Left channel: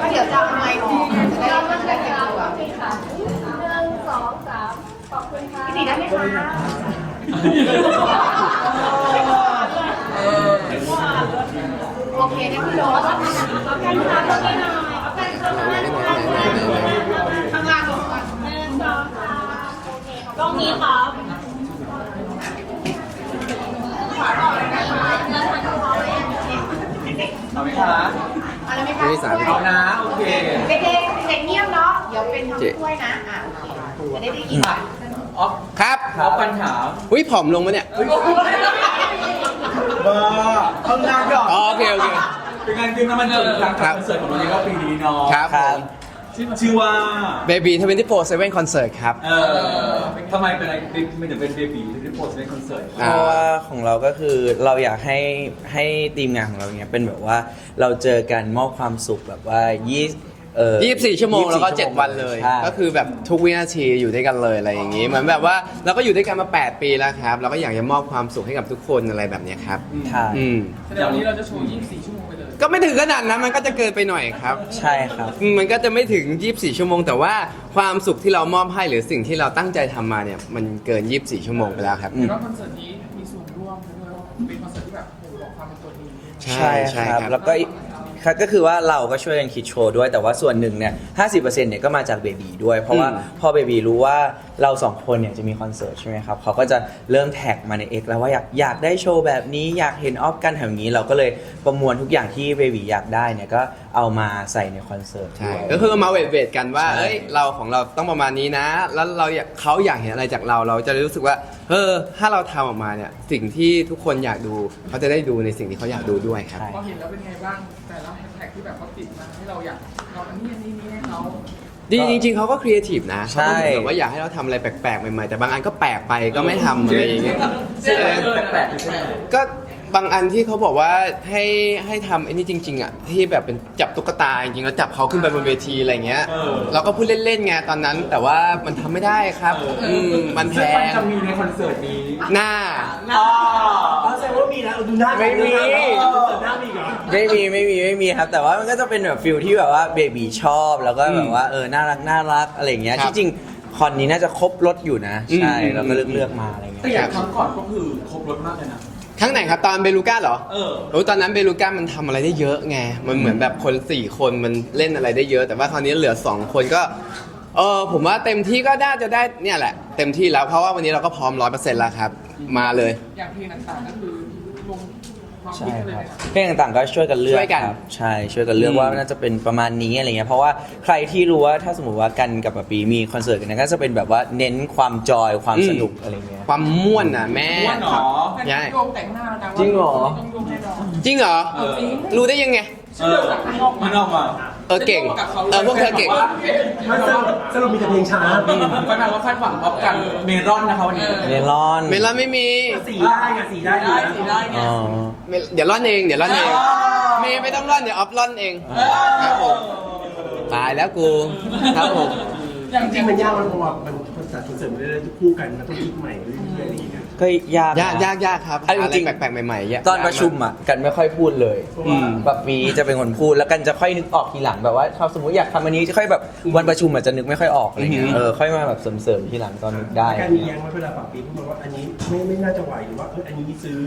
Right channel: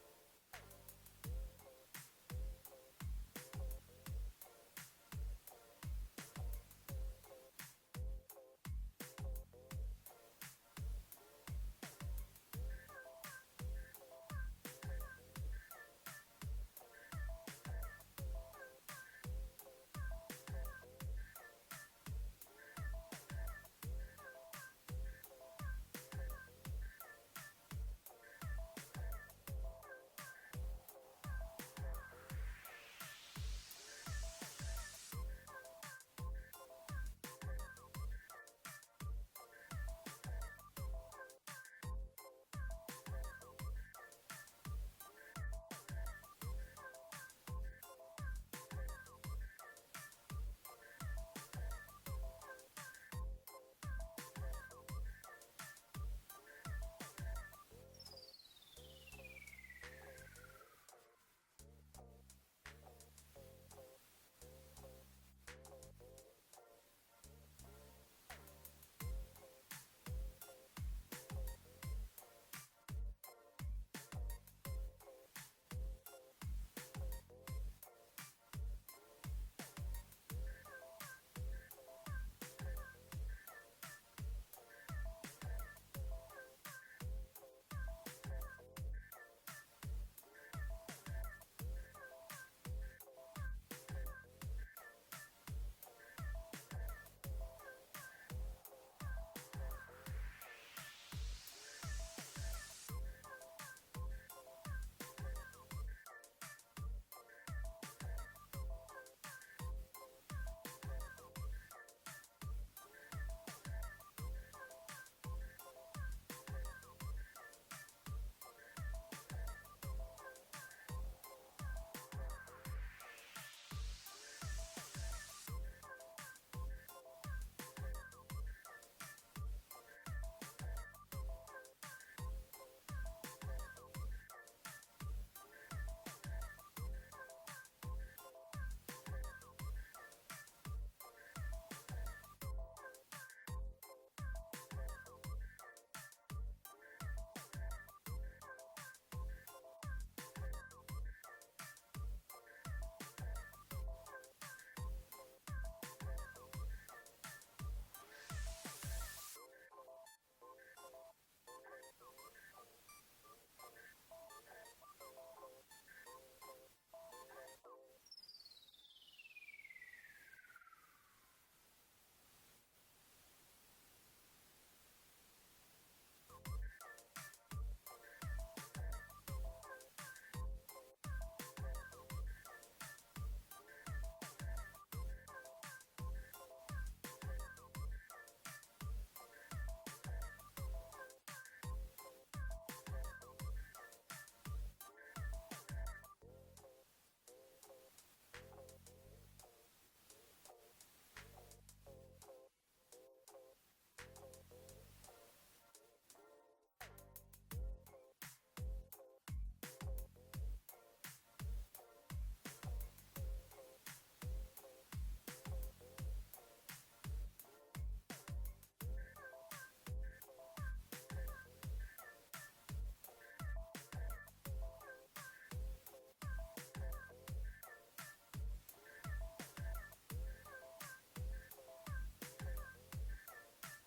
ก็เดี๋ยวจะเอาไมค์ออกจะได้จะได้เต็มตัวค่ะหนึ่งสองสามขอบคุณค่ะพี่ตีได้ไหมคะโอเคนะพี่โรสเอาแค่ขาตรงนี้หน่อยเอาแค่ข้างล่างข้างล่างข้างล่างลงก่อนหนึ่งสองสามโอเคกล้องนี้ครับเอาไหมคะ อะไรไหมคะไม่ได้สามเอานะโอเคเด็กๆเด็กเงียบเนาะ เดี๋ยวเป็นทำถ้วยนะ อะโอเคจะได้ได้ยินอะออฟครับออฟปัญหาอุ้ยผอมลงมาเนี่ยบ้าข้างหน้าก่อนอ๋อโอเคโอเค เป็นงานขึ้นน้ำมันเกิดครั้งครับคอนเสิร์ตของเราในรอบปีนี้เนาะครับผม ชื่อว่า Baby 24 7 Concert ครับ เออทำไมเป็นอะไรไม่ถึงเป็นเบบีที่โพสในคอนเสิร์ตอ่าเพราะว่าของเราก็คือเราอยากให้ให้ทีมงานของเราเนี้ยเป็นแบบว่าเราเจอกันมอบความสุขแบบว่ายี่เอ่อ24 ชั่วโมง แล้วก็ 24 7 วันเลย ใช่ก็คือแบบทุกวินาทีอยู่ด้วยกันเลยอะไรอย่างนี้ เหมือนแบบว่าเราก็อยู่ด้วยกันมา 8 ปีแล้วครับ เราก็อยากจะมอบความสุขให้กับทุกคนอะไรแบบเนี้ยครับ ใช่ อืม แสดงวันนี้เราจะโชว์ 24 ชั่วโมงไปเลย ก็ไม่ถึงขนาดนั้นมันก็จะเกินไปหน่อยครับ ใช่ครับอืมมันก็จะไม่ถึง 24 ชั่วโมง แต่ว่าความสุขที่เรามอบให้หรือสิ่งที่เราตั้งใจทำมาเนี่ย มันเกิน 24 ชั่วโมงไปแล้วครับอืมแล้วคอนเสิร์ตนี้มีส่วนร่วมด้วยว่าเป็นคอนเสิร์ตที่แบบโอ้โหบอกความเป็นตัวเองใช่ใช่ใช่ครับครับ แล้วก็อีกครับก็คือว่าเราก็ช่วยกันคิดโชว์ด้วยแต่ว่าส่วนหนึ่งเนี่ยห้เนี่ยก็มาจากเบบีด้วย เพราะว่าอืม พอเบบีรู้ว่า เราสองคนเนี่ยจะมีคอนเสิร์ตใช่ไหมครับเขาก็จะเริ่มแท็กมาใน X แล้วว่าอยากอยากได้โชว์แบบนี้อยากเห็นออฟกันแถวนี้ เราก็เลยประมวลทุกอย่างที่เบบีอยากได้เนี่ยก็เอามาใส่ในคอนเสิร์ตใช่ด้วย ก็คือมาเวทเวทกันว่า ใช่ เอ้ย เราของเราต้องประมาณนี้นะ แล้วเราอยากเขาอยากเห็นอะไรจากเรา เราจะรู้สึกว่า เออ ถ้าเราทำออกมาเนี่ย สิ่งที่ทุกคนอยากดู เขาจะได้ดูในสิ่งที่เขาอยากดูด้วยครับ ใช่ พอเห็นแล้วเป็นไงบ้าง แต่ละแฮชแท็กที่แบบเขาติดมาให้เราอยากเราอันนี้อันนี้นี้ให้เขา จริงๆจริงๆเขาก็ครีเอทีฟนะใช่ เขาก็แบบว่าอยากให้เราทำอะไรแปลกๆใหม่ๆแต่บางอันก็แปลกไปก็ไม่ทำอะไรอย่างเงี้ยใช่แปลกๆใช่ไหมก็บางอันที่เขาบอกว่าให้ให้ทำไอ้นี่จริงๆอะที่แบบเป็นจับตุ๊กตาจริงๆแล้วจับเขาขึ้นไปบนเวทีอะไรเงี้ยเออเราก็พูดเล่นๆไงตอนนั้น แต่ว่ามันทำไม่ได้ครับอืมมันแพซึ่งมันงจะมีในคอนเสิร์ตนี้หน้า อ๋อเขาแสดงว่ามีนะเอาดูหน้าไม่มีหน้ามีเหรอ ไม่มีไม่มีไม่มีครับ แต่ว่ามันก็จะเป็นแบบฟิลที่แบบว่าเบบีชอบแล้วก็แบบว่าเออน่ารักน่ารักอะไรอย่างเงี้ยครับที่จริงคอนนี้น่าจะครบรถอยู่นะ ใช่อืม เราก็เลือกเลือกมาอะไรเงี้แต่ยอย่างครั้งก่อนก็คือครบรถมากเลยนะ ครั้งไหนครับ ตอนเบลูก้าเหรอเออ โอ้ตอนนั้นเบลูก้ามันทำอะไรได้เยอะไง มันเหมือนแบบคน 4 คนมันเล่นอะไรได้เยอะ แต่ว่าคราวนี้เหลือ 2 คนก็เออผมว่าเต็มที่ก็น่าจะได้เนี่ยแหละ เต็มที่แล้วเพราะว่าวันนี้เราก็พร้อมร้อยเปอร์เซ็นต์แล้วครับ มาเลย อย่างเพลงต่างๆก็คือลงความ ใช่คิดกันเลยครับนะเพลงต่างๆก็ช่วยกันเลือกช่วยกันครับใช่ช่วยกันเลือกอืม ว่าน่าจะเป็นประมาณนี้อะไรเงี้ยเพราะว่าใครที่รู้ว่าถ้าสมมติว่ากันกับปะปีมีคอนเสิร์ตกันเนยก็จะเป็นแบบว่าเน้นความจอยความสนุกอะไรเงี้ย ความม่วนน่ะแม่ ม่วนเหรอ ใช่ โยงแต่งหน้าแล้วนะว่าจริงเหรอ ต้องโยงแน่นอนจริงเหรอ เออรู้ได้ยังไง เออมันออกมา เออเก่งเออพวกเธอเก่งมันสรุปสรุปมีแต่เพลงช้าก็แปลว่าคาดหวังออฟกันเมรอนนะคะวันนี้เมลอนเมลอนไม่มีสีได้ไงสีได้อยู่นะได้ไงอ๋อเมลเดี๋ยวร่อนเองเดี๋ยวร่อนเองเมย์ไม่ต้องร่อนเดี๋ยวออฟร่อนเองครับผมตายแล้วกูครับผมอย่างจจริริงงๆมันยากมันเพราะว่ามันคอนเสิร์ตคอนเสิร์ตมันเรื่อยๆคู่กันมันต้องคิดใหม่เรื่อย ๆอะไรอย่างเงี้ยก็ยากยากยากยากครับอันหาอะไรจริงแปลกๆใหม่ๆเยอะตอนประชุมอะกันไม่ค่อยพูดเลยอืมแบบปีจะเป็นคนพูดแล้วกันจะค่อยนึกออกทีหลังแบบว่าถ้าสมมติอยากทำอันนี้จะค่อยแบบวันประชุมอาจจะนึกไม่ค่อยออกอะไรเงี้ยเออค่อยมาแบบเสริมๆทีหลังตอนนึกได้ การมีแย้งไว้เวลาปรับปีเขาบอกว่าอันนี้ไม่ไม่น่าจะไหวหรือว่าเอออันนี้ซื้อ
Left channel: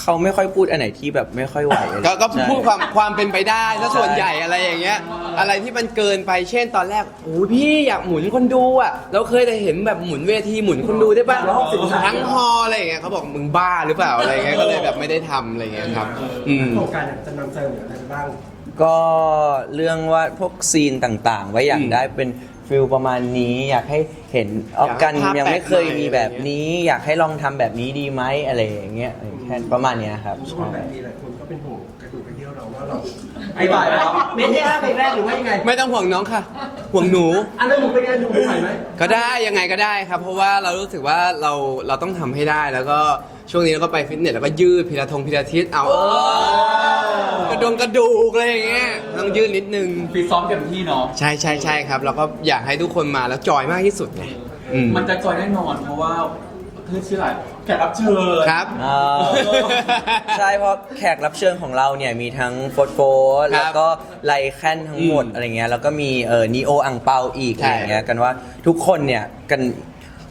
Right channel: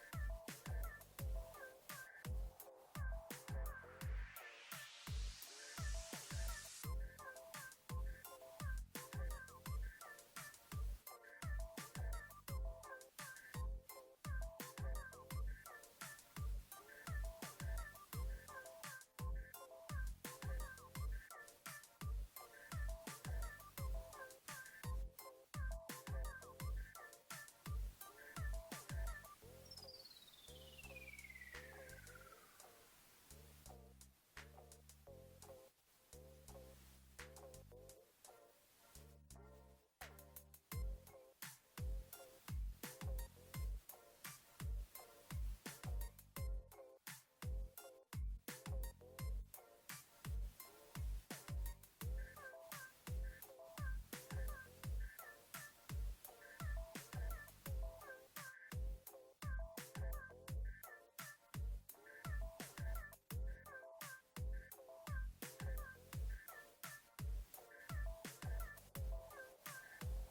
เขาไม่ค่อยพูดอันไหนที่แบบไม่ค่อยไหวอะไรก็ก็ใช่ พูดความความเป็นไปได้ถ้าส่วนใหญ่อะไรอย่างเงี้ย อะไรที่มันเกินไปเช่นตอนแรกโอ้ยพี่อยากหมุนคนดูอะเราเคยแต่เห็นแบบหมุนเวทีหมุนคนดูได้ป่ะ360องศาทั้งฮอลล์อะไรอย่างเงี้ยเขาบอกมึงบ้าหรือเปล่าอะไรอย่างเงี้ยก็เลยแบบไม่ได้ทำอะไรอย่างเงี้ยครับ อืม โครงการเนี่ยจะนำเสนออะไรบ้าง ก็เรื่องว่าพวกซีนต่างๆ ไว้อยากอืมได้เป็น ฟิลประมาณนี้อยากให้เห็นออกกันอยากให้ภาพยังไม่เคยแปลกใหม่มีแบบนี้ อยากให้ลองทำแบบนี้ดีไหมอะไรอย่างเงี้ยแค่ประมาณเนี้ยครับทุกคใช่นแบบนี้หลายคนก็เป็นห่วงกระดูกกระเดี่ยวเราว่าเราไอ้บ่ายแล้วไม่ได้เพลงแรกหรือว่ายังไงไม่ต้องห่วงน้องค่ะ ห่วงหนู อันนั้นหนูเป็นไงหนูไหวไหมก็ได้ยังไงก็ได้ครับ เพราะว่าเรารู้สึกว่าเราเราต้องทำให้ได้แล้วก็ช่วงนี้เราก็ไปฟิตเนสแล้วก็ยืดพิลาทงพิลาทิสเอาเออก ระดงกระดูกอะไรอย่างเงี้ยต้องยืดนิดนึงฟีซ้อมเต็มที่เนาะ ใช่ใช่ใช่ครับ เราก็อยากให้ทุกคนมาแล้วจอยมากที่สุดไงอืม มันจะจอยแน่นอนเพราะว่าเพื่อชื่ออะไรแขกรับเชิญ ครับ อ่าใช่เพราะแขกรับเชิญของเราเนี่ยมีทั้งโฟร์โฟร์แล้วก็ไลแคนทั้งหมดอืมอะไรเงี้ยแล้วก็มีเออนีโออังเปาอีกใช่อะไรเงี้ยกันว่าทุกคนเนี่ยกัน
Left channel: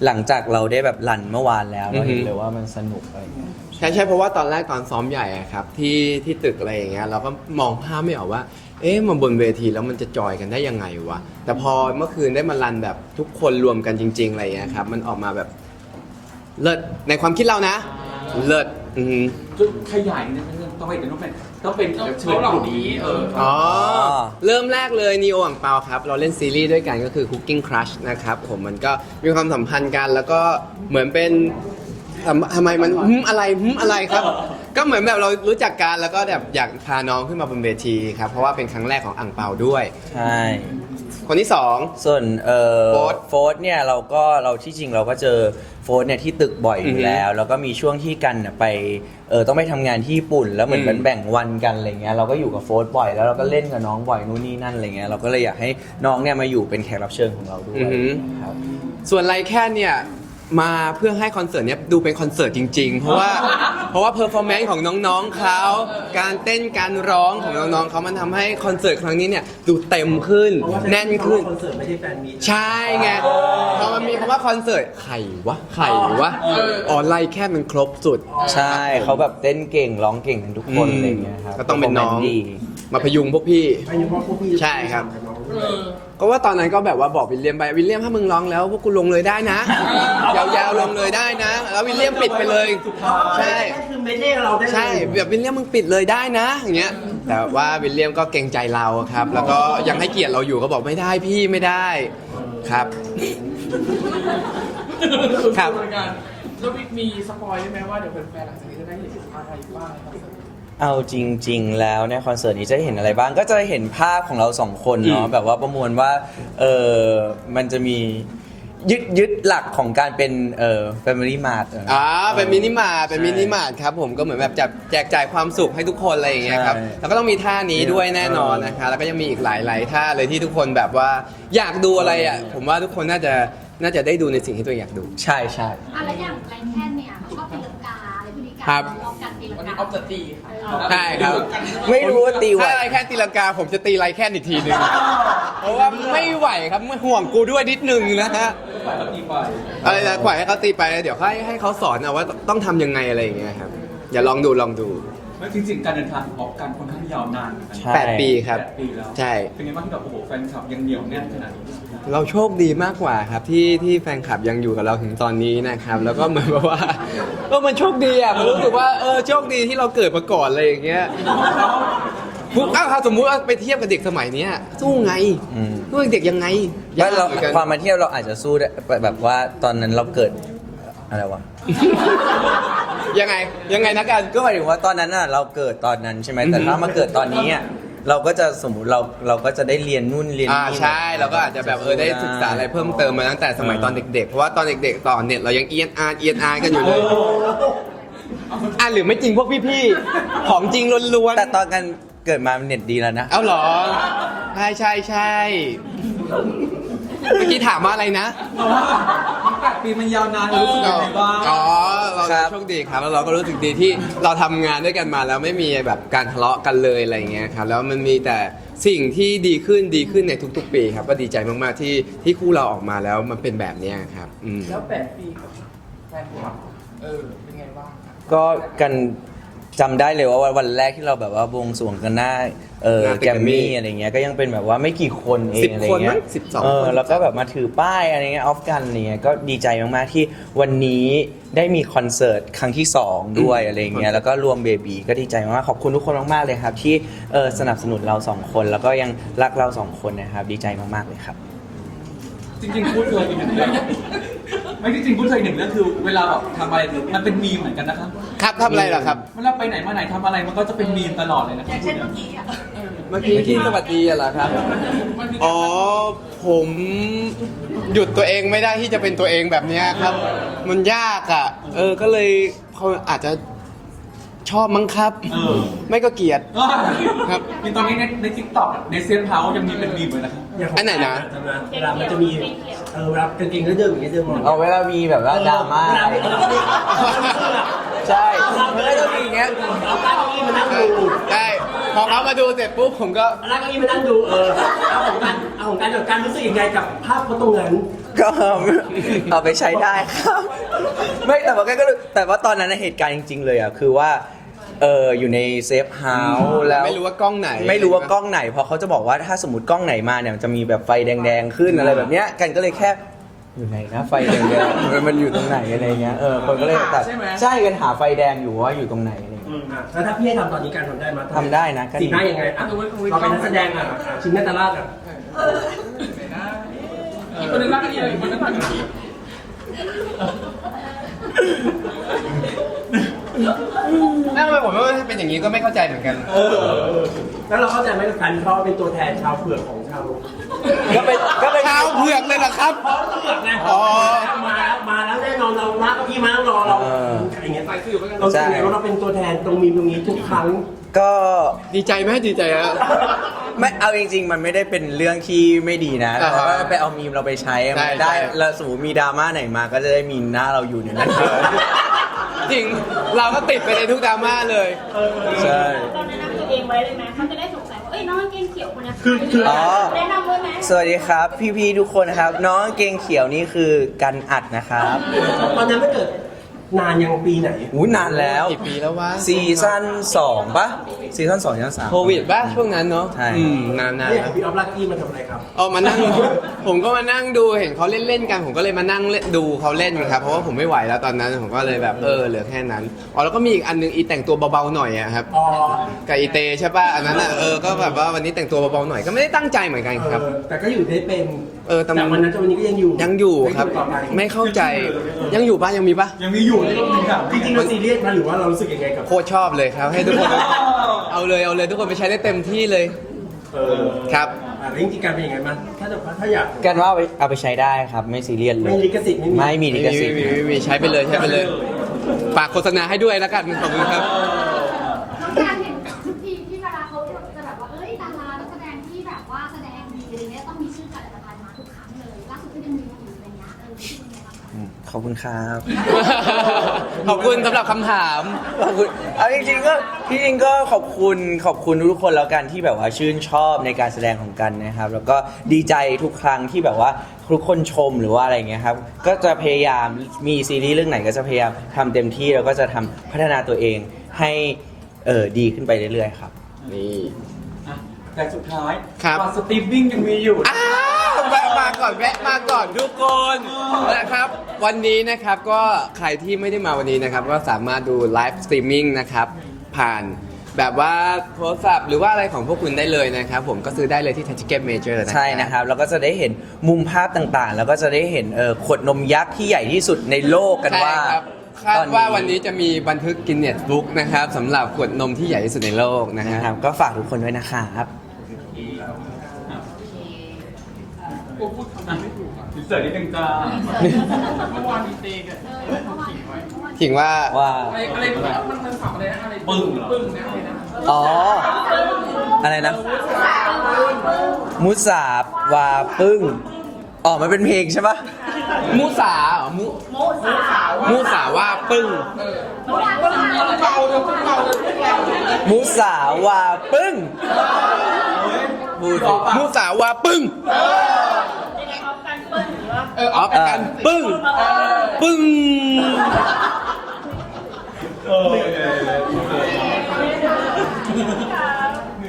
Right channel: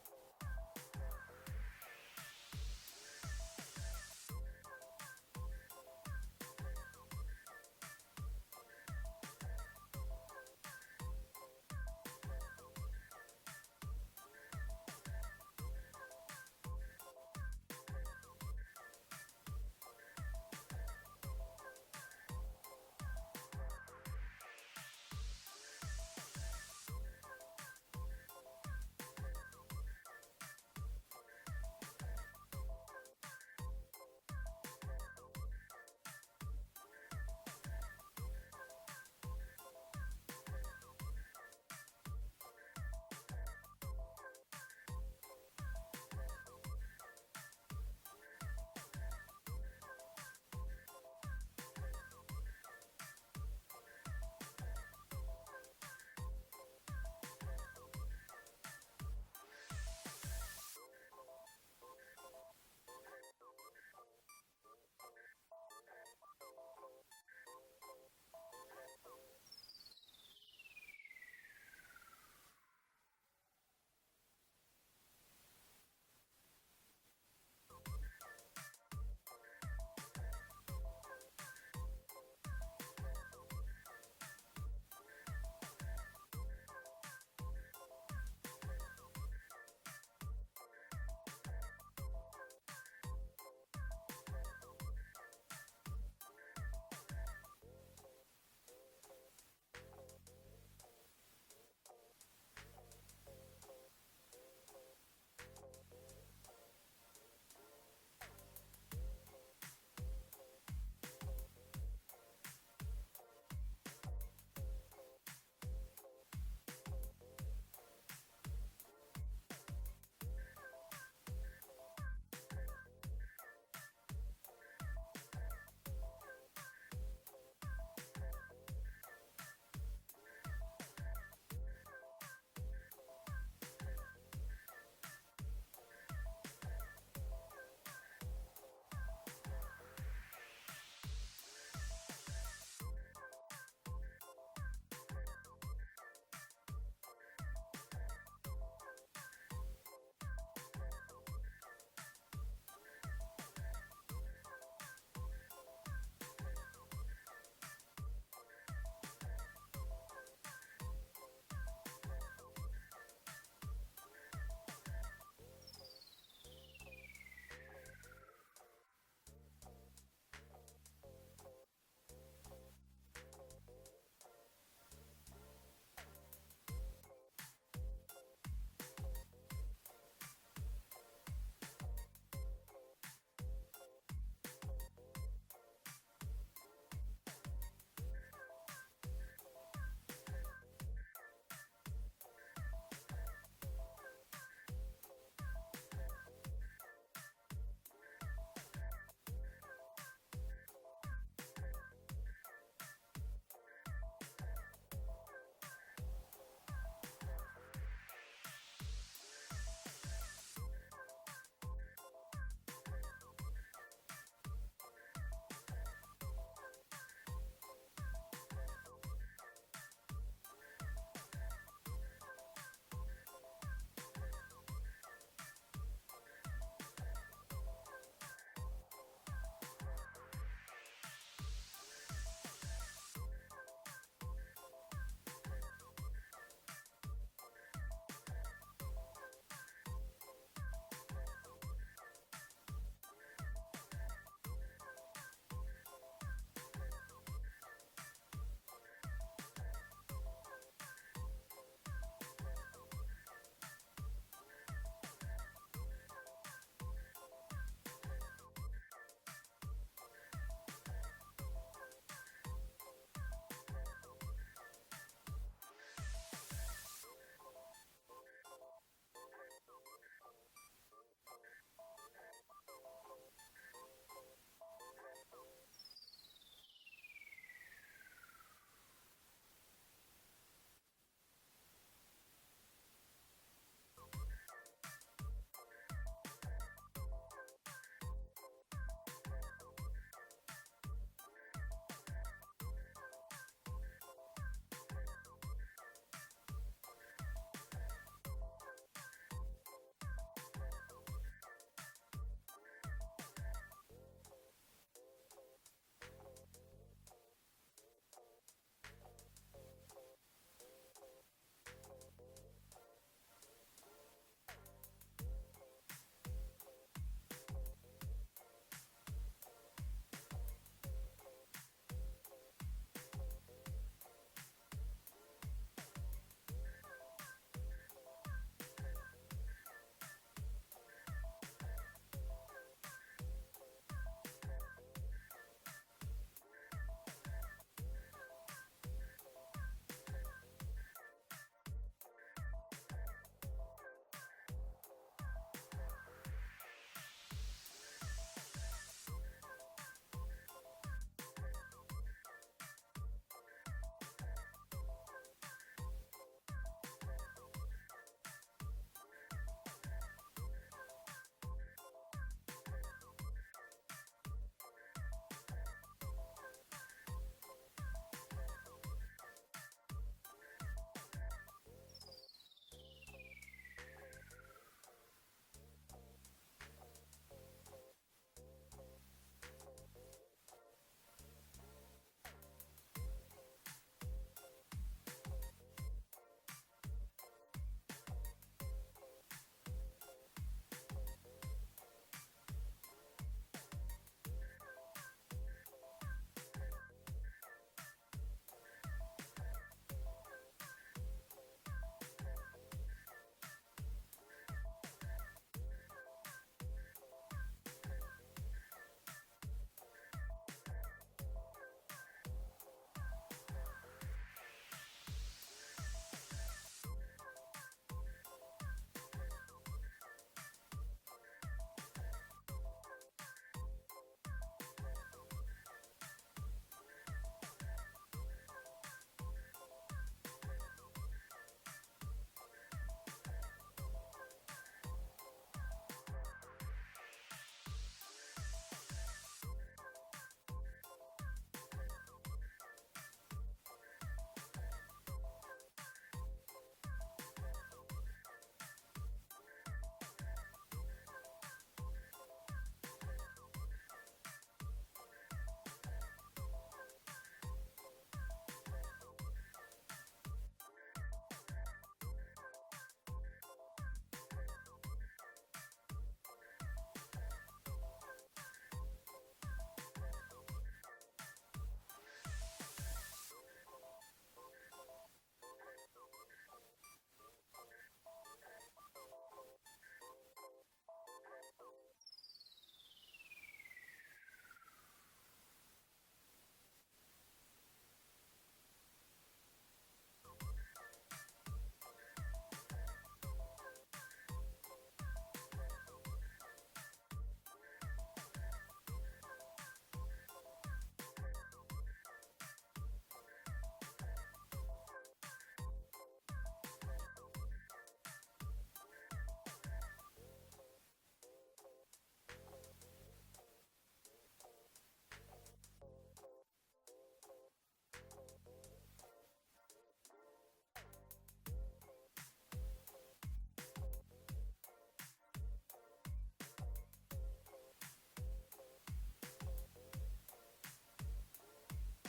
หลังจากเราได้แบบรันเมื่อวานแล้วเราเห็นอือฮึเลยว่ามันสนุกอะไรเงี้ย ใช่ใช่เพราะว่าตอนแรกตอนซ้อมใหญ่อะครับที่ที่ตึกอะไรอย่างเงี้ยเราก็มองภาพไม่ออกว่า เอ๊ะมันบนเวทีแล้วมันจะจอยกันได้ยังไงวะแต่พอเมื่อคืนได้มารันแบบทุกคนรวมกันจริง ๆอะไรอย่างเงี้ยครับมันออกมาแบบเลิศในความคิดเรานะ เลิศอือหือจุดขยายนิดนึงต้องให้เป็นต้องเป็นต้องเป็นแขกรับเชิญกลุ่มนี้เอออ๋อเริ่มแรกเลยนีโออ่างเปาครับ เราเล่นซีรีส์ด้วยกันก็คือ Cooking Crush นะครับผมมันก็มีความสัมพันธ์กันแล้วก็เหมือนเป็น ทำทำไมมันหึมอะไรหึมอะไรครับ ก็เหมือนแบบเรารู้จักกันแล้วก็แบบอยากพาน้องขึ้นมาบนเวทีครับ เพราะว่าเป็นครั้งแรกของอ่างเปาด้วย ใช่ คนที่สอง ส่วนเอ่อโฟร์ธโฟร์ธเนี่ยเราก็เราที่จริงเราก็เจอโฟร์ธเนี่ยที่ตึกบ่อยออือฮึยู่แล้ว แล้วก็มีช่วงที่กันน่ะไปเออต้องไปทำงานที่ญี่ปุ่น แล้วเหมือนอืมมันแบ่งวันกันอะไรเงี้ยเราก็อยู่กับโฟร์ธบ่อยแล้วเราก็เล่นกับน้องบ่อยนู่นนี่นั่นอะไรเงี้ยเราก็เลยอยากให้น้องเนี่ยมาอยู่เป็นแขกรับเชิญของเราด้วยอือหือครับ ส่วนไรแค่เนี่ย มาเพื่อให้คอนเสิร์ตเนี้ยดูเป็นคอนเสิร์ตจริง ๆ เพราะว่าเพราะว่าเพอร์ฟอร์แมนซ์ของน้องๆเขาการเต้นการร้องของน้องๆเขามันทำให้คอนเสิร์ตครั้งนี้เนี่ยดูเต็มขึ้นเพราะว่าแน่นขึ้น คอนเสิร์ตไม่ใช่แฟนมีตใช่ไงพอมันมีคำว่าคอนเสิร์ตไข่วะไข่วะอ๋อไล่แค่มันครบสุด ใช่เขาแบบเต้นเก่งร้องเก่งกันทุกคนอืมอะไรเงี้ยครับก็ต้องเป็นน้อง ดี มาพยุงพวกพี่ อายุเพราะพวกพี่ใช่ครับน้องเออก็ว่าตอนนั้นก็แบบว่าบอกวิลเลียมไปวิลเลียมถ้ามึงร้องแล้วพวกกูลงเลยได้นะ ยาวๆลงเลยได้นะ แล้ววิลเลียมปิดไปเลยใช่ก็คือไม่ได้เราได้เลยใช่แบบวิลเลียมมึงปิดเลยได้นะอย่างเงี้ยแต่ว่าวิลเลียมก็เกรงใจเราครับ แล้วก็ยังให้เกียรติเราอยู่ก็บอกไม่ได้พี่ไม่ได้ครับครับแล้วมีสปอยได้ไหมว่าเดี๋ยวแฟนๆหลังจากนี้จะได้เห็นอะไรบ้างในคอน เสิร์ตเอาจริง ๆ แล้วในคอนเสิร์ตนี้จะเห็นอะไรบ้าง ก็จะเห็นภาพของเราสองคนเนาะอืมแบบว่าประมวลว่าเออมันจะมียึดยึดหลักของการเป็นเออ Family Mart เอออ่าเป็นมินิมาร์ทเป็นใช่มินิมาร์ทครับผมก็เหมือนแบบจับแจกจ่ายความสุขให้ทุกคนอะไรอย่างเงี้ยครับใช่แล้วก็ต้องมีท่านี้ด้วยแน่นอนนะคะแล้วก็ยังมีอีกหลาย ๆ ท่าเลยที่ทุกคนแบบว่าอยากดูอะไรอะผมว่าทุกคนน่าจะน่าจะได้ดูในสิ่งที่ตัวเองอยากดู ใช่ใช่ อะไรอย่างไรแค่เนี่ยชอบตีลังกาอะไรพวกนี้ ครับ ลองกันตีลังวันกานี้ออฟจะตีค่ะใช่ครับ ไม่รู้ว่าตีไหว ถ้าไรแค่ตีลังกาผมจะตีไรแค่อีกทีหนึ่งเพราะว่าไม่ไหวครับไม่ห่วงกูด้วยนิดนึงนะฮะฝ่ายเขาตีไปอะไรนะปล่อยให้เขาตีไปเดี๋ยวให้ให้เขาสอนเอาว่าต้องทำยังไงอะไรอย่างเงี้ยครับอย่าลองดูลองดู แล้วจริงๆ การเดินทางของออกกันค่อนข้างยาวนานเหมือนกันใช่ แปดปีครับ แปดปีแล้วใช่ เป็นไงบ้างที่แบบโอ้โหแฟนคลับยังเหนียวแน่นขนาดนี้เราโชคดีมากกว่าครับที่ที่แฟนคลับยังอยู่กับเราถึงตอนนี้นะครับ แล้วก็เหมือนแบบว่าก็มันโชคดีอะมันรู้สึกว่าเออโชคดีที่เราเกิดมาก่อนอะไรอย่างเงี้ยพวกอ้าวถ้าสมมุติว่าไปเทียบกับเด็กสมัยเนี้ยสู้ไงอืม สู้เด็กยังไงว่าเรายกหมือนกัน ความมาเที่ยวเราอาจจะสู้ได้แบบว่าตอนนั้นเราเกิดอะไรวะ ยังไงยังไงนะกันก็หมายถึงว่าตอนนั้นน่ะเราเกิดตอนนั้นใช่ไหมแต่ถ้ามาเกิดตอนนี้อะเราก็จะสมมติเราเราก็จะได้เรียนนู่นเรียนอ่านี่ ใช่เราก็อาจจะแบบเออได้ศึกษาอะไรเพิ่มเติมมาตั้งแต่สมัยตอนเด็กๆ เพราะว่าตอนเด็กๆตอนเน็ตเรายังเอียนอาร์เอียนอาร์กันอยู่เลยอะหรือไม่จริงพวกพี่ๆของจริงล้วนแต่ตอนกันเกิดมาเน็ตดีแล้วนะ ๆเอาเหรอ ใช่ใช่ใช่ เมื่อกี้ถามว่าอะไรนะแปดปีมันยาวนานรู้สึกยังไงบ้างอ๋อเราครับ โชคดีครับแล้วเราก็รู้สึกดีที่เราทำงานด้วยกันมาแล้วไม่มีแบบการทะเลาะกันเลยอะไรอย่างเงี้ยครับแล้วมันมีแต่สิ่งที่ดีขึ้นดีขึ้นในทุก ๆ ปีครับก็ดีใจมากๆที่ที่คู่เราออกมาแล้วมันเป็นแบบเนี้ยครับอืม แล้วแปดปีกับแฟนคลับเออ เป็นไงบ้าง ก็กันจำได้เลยว่าวันแรกที่เราแบบว่าบวงสรวงกันหน้า เออหน้าตึกแกรมมี่ Grammy อะไรเงี้ยก็ยังเป็นแบบว่าไม่กี่คนเอสิงบอะไรคนเงี้มั้ยงสิบสองเออคน แล้วก็แบบมาถือป้ายอะไรเงี้ยออฟกันอะไรเงี้ยก็ดีใจมากๆที่วันนี้ได้มีคอนเสิร์ตครั้งที่ 2 ด้วยอะไรเงี้ยแล้วก็รวมเบบีก็ดีใจมากๆขอบคุณทุกคนมากๆเลยครับ ที่เออสนับสนุนเราสองคนแล้วก็ยังรักเราสองคนนะครับดีใจมากๆเลยครับ จริงๆพูดเลยอีกหนึ่งเรื่องไม่จริงๆพูดเลยอีกหนึ่งเรื่องคือเวลาแบบทำอะไรมันเป็นมีมเหมือนกันนะครับครับทำอะไรเหรอครับ เวลาไปไหนมาไหนทำอะไรมันก็จะเป็นมีมตลอดเลยนะครับพูดเนี่ยเมื่อกี้ที่สวัสดีอะเหรอครับ อ๋อ ผมหยุดตัวเองไม่ได้ที่จะเป็นตัวเองแบบเนี้ยครับ มันยากอะ เออ ก็เลยเขาอาจจะ ชอบมั้งครับ เออ ไม่ก็เกลียด ครับ มีตอนนี้ในในทิกตอกในเซียนเฮาส์ยังมีเป็นมีมเลยนะครับอย่างขงอันไหนนะจำได้เวลามันจะมีเออเวลากางเกงก็เดินอย่างเงี้ยเดินมองเอาเวลามีแบบว่าดราม่าเวลเวลเรใช่ไม่ต้องมีอย่างเงี้ยเอาตั้งเก้าอี้มานั่งดูใช่พอเขามาดูเสร็จปุ๊บผมก็เอาตั้งเก้าอี้มานั่งดูเออเอาของการเอาของการกับการรู้สึกยังไงกับภาพเขาตรงนั้นก็เอาไปใช้ได้ครับ ไม่แต่ว่าก็รู้แต่ว่าตอนนั้นนะเหตุการณ์จริง ๆ เลยอะคือว่า เอออยู่ในเซฟเฮาส์แล้ว ไม่รู้ว่ากล้องไหน ไม่รู้ว่ากล้องไหนเพราะเขาจะบอกว่าถ้าสมมติกล้องไหนมาเนี่ยมันจะมีแบบไฟแดง ๆ ขึ้นอะไรแบบเนี้ยกันก็เลยแค่อยู่ไหนนะไฟแดงๆมันอยู่ตรงไหนอะไรเงี้ยเออคนก็เลยตัดใช่กันหาไฟแดงอยู่ว่าอยู่ตรงไหนอะไรเงี้ยอืมอะแล้วถ้าพี่ให้ทำตอนนี้การทำได้ไหมทำได้นะก็ดีสีหน้ายังไงอะเราเป็นนักแสดงอะอะชินนาตาราชอะอีกคนนึงรักอีกอีกคนนึงรักอีกนั่งไปผมว่าเป็น อย่างนี้ก็ไม่เข้าใจเหมือนกัน เออแล้วเราเข้าใจไหมกับการที่เขาเป็นตัวแทนชาวเผือกของชาวก็เป็นก็เป็นข้าวเผือกเลยเหรอครับเพราะเผือกไงอ๋อ มาแล้วมาแล้วแน่นอนเราลากเก้าอี้มาแล้วรอเราอย่างเงี้ยใส่สื่อไปกันเราสึกไงว่าเราเป็นตัวแทนตรงมีตรงนี้ทุกครั้ง ก็ดีใจไหมดีใจอะไม่เอาจริง ๆ มันไม่ได้เป็นเรื่องที่ไม่ดีนะอ่าแต่ว่าไปเอามีมเราไปใช้อะใช่มันได้ใช่ แล้วสมมติมีดราม่าไหนมาก็จะได้มีหน้าเราอยู่ในนั้น จริงเราก็ติดไปในทุกดราม่าเลย ใช่ตอนแนะนำตัวเองไว้เลยไหมเขาจะได้สงสัยว่าเอ้ยน้องกางเกงเขียวคนนี้คือคืออ๋อ แนะนำด้วยไหมสวัสดีครับ พี่ๆทุกคนนะครับ น้องกางเกงเขียวนี่คือกันอัดนะครับ ตอนนั้นไม่เกิด นานยังปีไหน อู้นานแล้วกี่ปีแล้ววะซีซั่นสองปะซีซั่นสองซีซั่นสาม โควิดป่ะช่วงนั้นเนาะใช่ อืมนานๆเนี่ยแล้วพี่ออฟลักกี้มาทำอะไรครับ เอามานั่ง ผมก็มานั่งดูเห็นเขาเล่นๆกัน ผมก็เลยมานั่งเล่นดูเขาเล่นครับเพราะว่าผมไม่ไหวแล้วตอนนั้นผมก็เลยแบบเออเหลือแค่นั้นอ๋อแล้วก็มีอีกอันนึงอีแต่งตัวเบาๆหน่อยอะครับ อ๋อกับอีเตใช่ป่ะอันนั้นอะเออก็แบบว่าวันนี้แต่งตัวเบาๆหน่อยก็ไม่ได้ตั้งใจเหมือนกันครับ เออแต่ก็อยู่ได้เป็นเออแต่แต่วันนั้นจนวันนี้ก็ยังอยู่ยังอยู่ครับ ต่อไปไม่เข้าใจยังอยู่ป่ะยังมีป่ะยังมีอยู่ที่ต้องมีข่าวจริงๆมันซีเรียสนะหรือว่าเรารู้สึกยังไงกับ โคตรชอบเลยครับ ให้ทุกคน เอาเลยเอาเลยทุกคนไปใช้ได้เต็มที่เลยเออครับ อะแล้วจริงๆการเป็นยังไงมันถ้าจะถ้าอยาก กันว่าเอาไปเอาไปใช้ได้ครับ ไม่ซีเรียสเลยไม่ลิขสิทธิ์ไม่มี ไม่มีลิไม่ขมีสิทธิ์ไม่มีไม่มีใช้ไปเลยใช้ไปเลย ฝากโฆษณาให้ด้วยแล้วกันขอบคุณครับน้องการเห็น ขอบคุณครับขอบคุณสำหรับคำถาม ขอบคุณเอาจริงๆก็ที่จริงก็ขอบคุณขอบคุณทุกคนแล้วกันที่แบบว่าชื่นชอบในการแสดงของกันนะครับ แล้วก็ดีใจทุกครั้งที่แบบว่าทุกคนชมหรือว่าอะไรเงี้ยครับก็จะพยายามมีซีรีส์เรื่องไหนก็จะพยายามทำเต็มที่แล้วก็จะทำพัฒนาตัวเองให้เออดีขึ้นไปเรื่อยๆครับ นี่ อะแต่สุดท้ายครับตอนสตรีมมิ่งยังมีอยู่อ้าว แวะมาก่อนแวะมาก่อนทุกคนนะครับ วันนี้นะครับก็ใครที่ไม่ได้มาวันนี้นะครับ ก็สามารถดูไลฟ์สตรีมมิ่งนะครับ ผ่านแบบว่าโทรศัพท์หรือว่าอะไรของพวกคุณได้เลยนะครับ ผมก็ซื้อได้เลยที่ทัชเก็ตเมเจอร์นะใช่นะครับ แล้วก็จะได้เห็นมุมภาพต่างๆ แล้วก็จะได้เห็นเออขวดนมยักษ์ที่ใหญ่ที่สุดในโลกกันใช่ว่า ครับคาดว่าวันนี้จะมีบันทึกกินเน็ตบุ๊กนะครับสำหรับขวดนมที่ใหญ่ที่สุดในโลกนะนะคครัรับบก็ฝากทุกคนด้วยนะครับ กูพูดคำนี้ไม่ถูกอะอินเสิร์ตนิดนึงจ้าเมื่อวานมีเตกันขิงไว้ถึงว่า ว่า อะไรอะไรมันมันสับอะไรนะอะไรปึ้งปึ้งนะอะไรนะอ๋อ อะไรนะ มุสาบวาปึ้ง อ๋อ มันเป็นเพลงใช่ปะมูสาเหรอมูมูสาว่าปึ้ง เบาเลยเบาเลยมุสาวาปึ้งพูดสิมูสาว่าปึ้งยั เออออฟกัน ปึ้ง ปึ้ง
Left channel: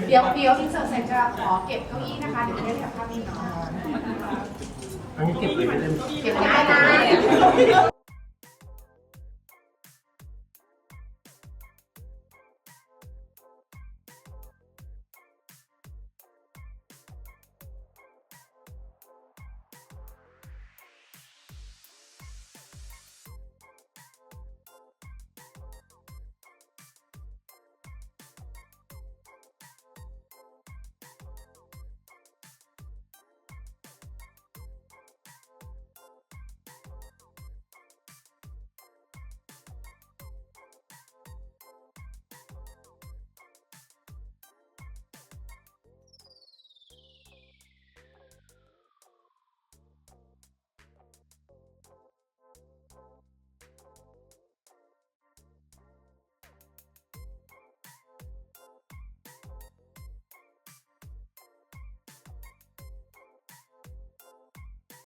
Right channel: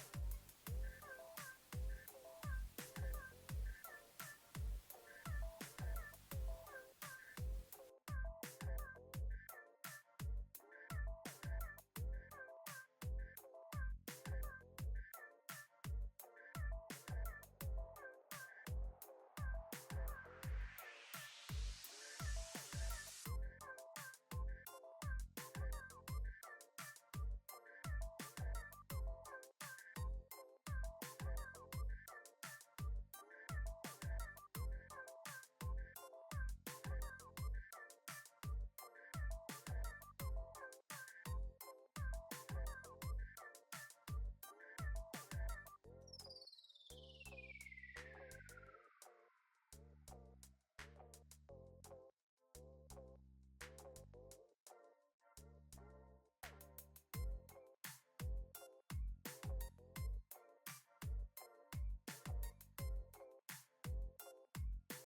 เดี๋ยวเดี๋ยวอินเสิร์ตเสร็จจะขอเก็บเก้าอี้นะคะ เดี๋ยวจะได้แถบภาพนี้เนาะอันนี้เก็บไว้ไม่ได้เก็บง่ายนะ